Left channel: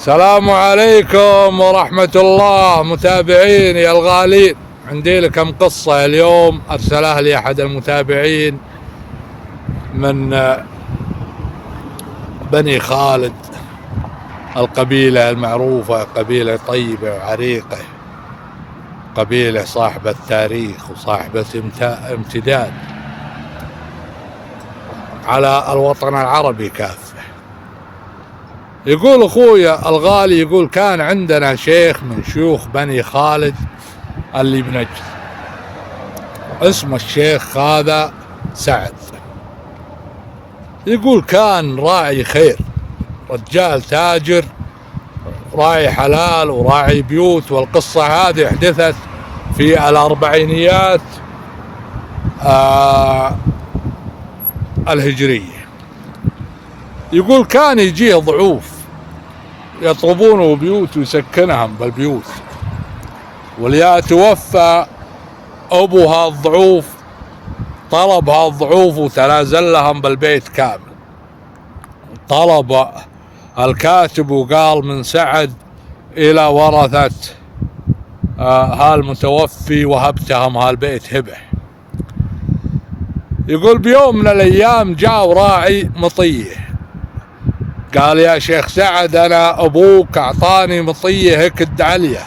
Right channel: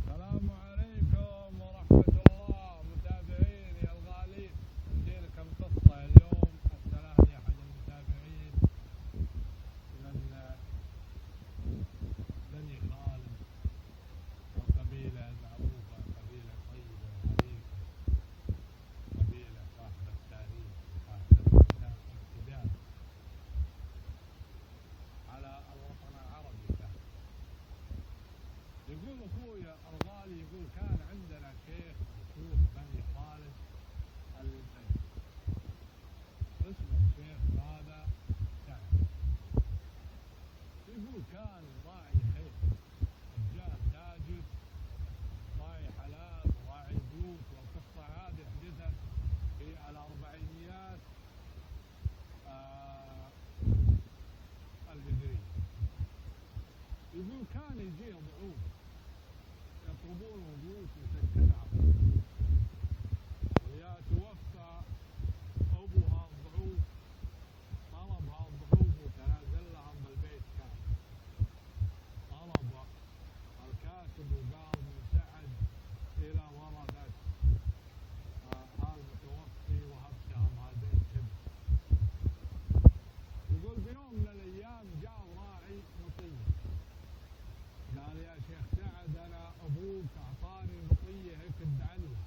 السلام عليكم ورحمة الله متابعين يا الغالين. عندي لكم قصة اليوم أرسلها لي أحد المتابعين من بني خالد، القبيلة المعروفة، قبيلة طيبة وعريقة، قبيلة صاحبة تاريخ وصاحبة امتداد على الوطن العربي كافة. يقول أخويا الغالي، يقول كان عندنا شيخ من شيوخ بني خالد اللي بنجد، اسمه الشيخ هذا سعد. يقول كان راعي خير، رجال تاجر، راعي حلال وراعي بيوت. والقصة هذه حدثت في الأربعينيات الهجرية. يقول كان يجيه ضعوف يطلبونه بيوت ويسكنهم بالبيوت، وليا توفى أبو هالضعوف طلب هالضعوف وتنازل لهم بالبيت كامل. طلب الكاتب وقال من سعد إلى ورثة هالمتوفي وهبتهم هالبيت هبه. يقول بيوم من الأيام جاء راعي مطيه، قال يا شيخ سعد أنا أبوك أعطاني مطية هكد عليا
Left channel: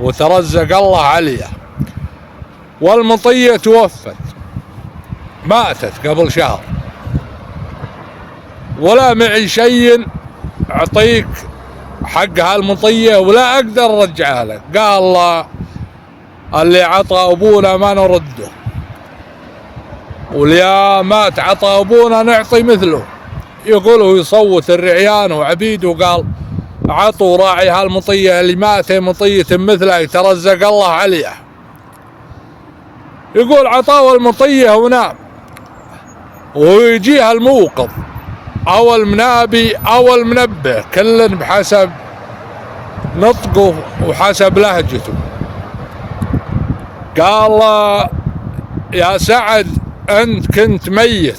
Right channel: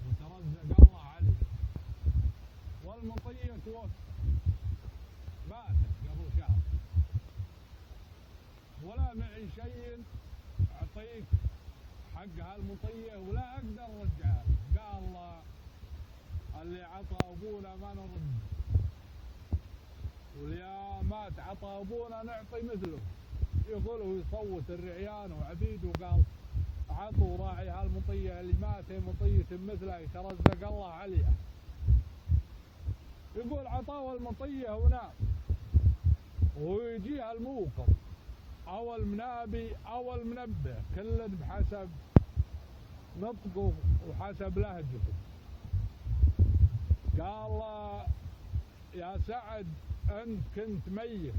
وترزق الله عليا، والمطية توفت، ماتت قبل شهر، ولا معي شيء أعطيك حق هالمطية ولا أقدر أرجعها لك. قال الله اللي عطى أبونا ما نرده، واللي ما تعطى أبونا نعطي مثله. يقوله يصوت الرعيان وعبيد وقال عطوا راعي هالمطية اللي مات مطية مثله يترزق الله عليه. يقول عطاه المطية ونام، ويجيها الموقظ أو المنابي أو المنبه، كل بحسب نطقه وحسب لهجته. قال يا سعد أنت كنت ميت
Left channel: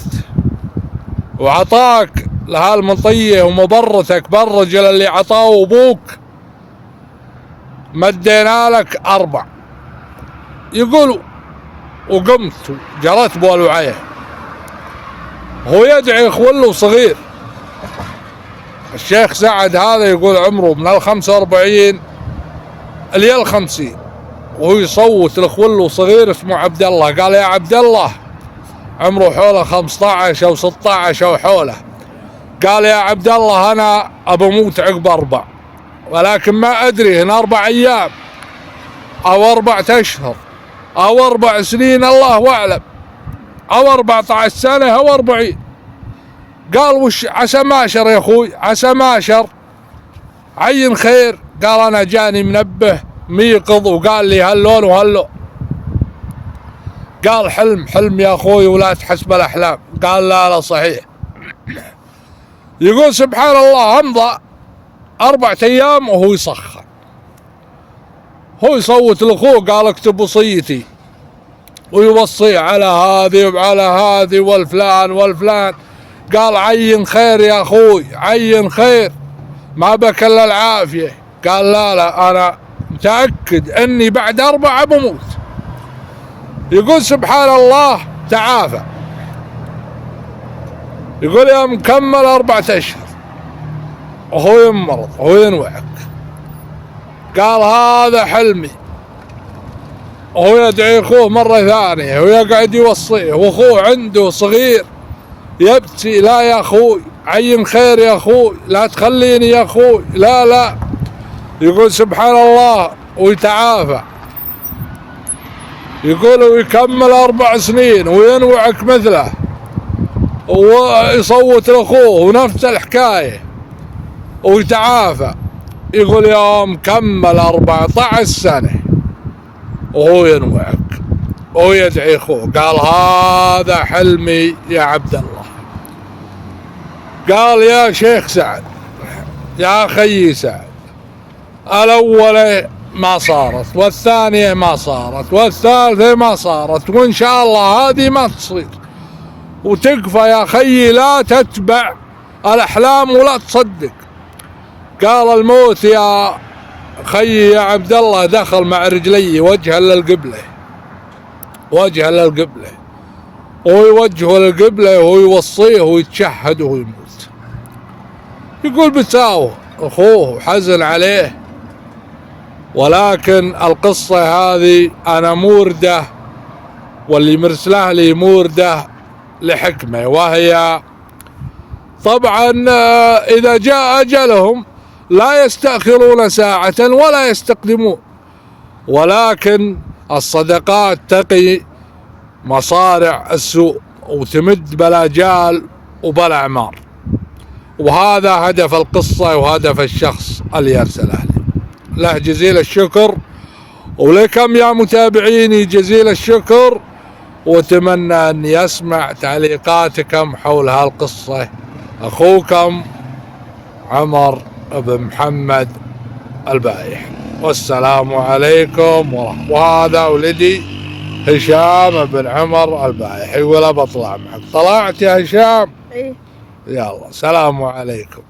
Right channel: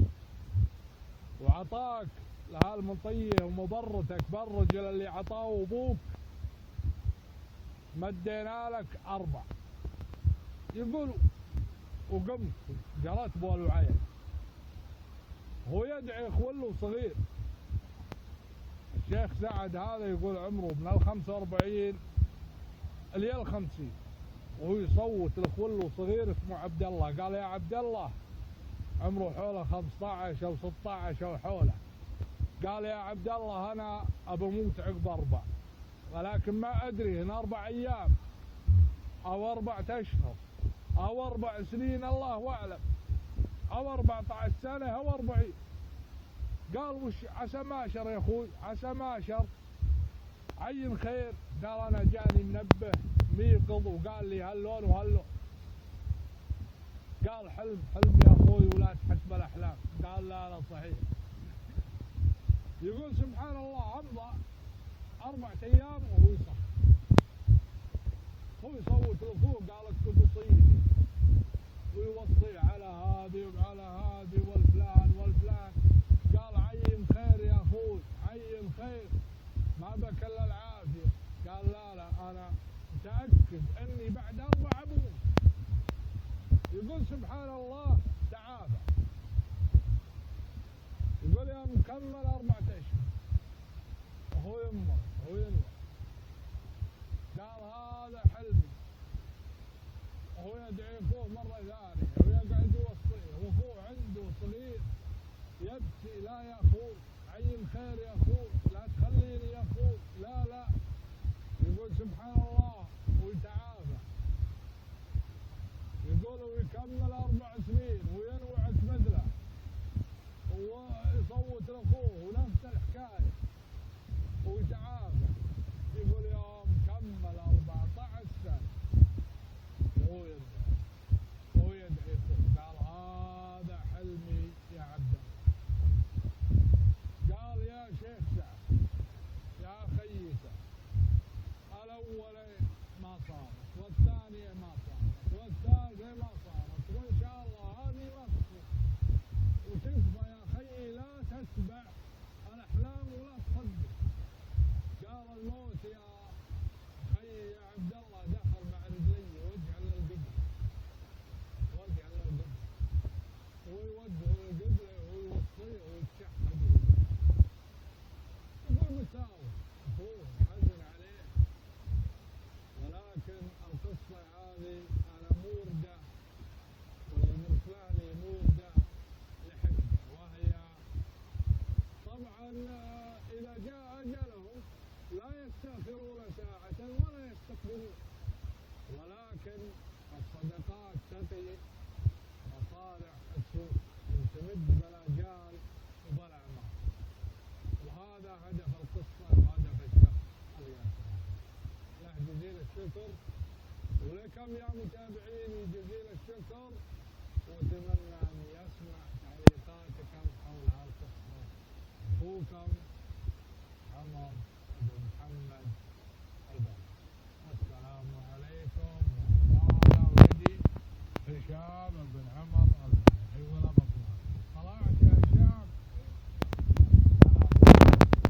وعطاك لهالمطية ومبرتك بالرجل اللي عطاه أبوك مدينا لك 4. يقول وقمت جرت بولوعيه، هو يدعي خوله صغير. الشيخ سعد هذا يقول عمره من 45 إلى 50، وهو يصوت لخوله صغير اسمه عبد الله. قال يا عبد الله، عمره حوله 15 أو 16 أو حوله. قال يا عبد الله أنا أبموت عقب 4، ولكن ما أدري إن 4 أيام أو 4 أشهر أو 4 سنين، الله أعلم، أو 14 سنة أو 40. قال وش عسى ماشر يا أخوي، عسى ماشر، عين خير. قال أنا جاني منبه ميقظ وقال لي هاللون وهاللون. قال حلم يا أخوي ولا تحسب الأحلام. قال لا صحيح. يقول سبحان الله أمضى 4 أيام وهو يصخر، هو يصوت لأخوه قال اكتب وصيتي، ويوصي على هذه وعلى هذه والفلان والفلان. قال عين خير يا أخوي، عين خير، ما بك إلا العافية. قال لا أنا متأكد أني بعد 4 بموت. يقول سبحان الله تعافى. يقول يا مكمل 4 أشهر وهو يمرض وهو ينوعك. قال هذا حلمي، وهو يدعي أخوه مرة ثانية ويقعد يوصيه، وأخوه عنده صغير يبكي لا يا أخوي عين خير يا أخوي، لا تخليني يا أخوي، لا. يقول سبحان الله ويتعافى. يقول ويكمل 4 سنين وينوعك مثله ويصوت لأخوه ونفس الحكاية ويتعافى. يقول يوم كمل 14 سنة وهو ينوعك ويدعي أخوه. قال هذا حلمي يا عبد الله. قال يا شيخ سعد، يا أخي سعد، الأولى ما صارت، والثانية ما صارت، والثالثة ما صارت، وإن شاء الله هذه ما تصير. وتكفى يا أخي، لا تتبع الأحلام ولا تصدق. قال الموت يا خيي يا عبد الله دخل مع رجلي وجها للقبلة، وجها للقبلة، ويوجهه للقبلة ويوصيه ويتشهد ويموت. يقول بتساوه أخوه وحزن عليه. ولكن القصة هذه أنا مورده، واللي مرسله لي مورده لحكمة، وهي طبعا إذا جاء أجلهم لا يستأخرون ساعة ولا يستقدمون، ولكن الصدقات تقي مصارع السوء وتمد بلا جال وبلا عمار. وهذا هدف القصة وهدف الشخص اللي يرسله لي. له جزيل الشكر، ولكم يا متابعيني جزيل الشكر، واتمنى أن يسمع تعليقاتكم حول هالقصة. أخوكم عمر بن محمد البايح، والسلام عليكم ورحمة. وهذا ولدي هشام بن عمر البايح، يقول أبى أطلع معك. طلعت يا هشام؟ إيه. يلا سلام عليكم.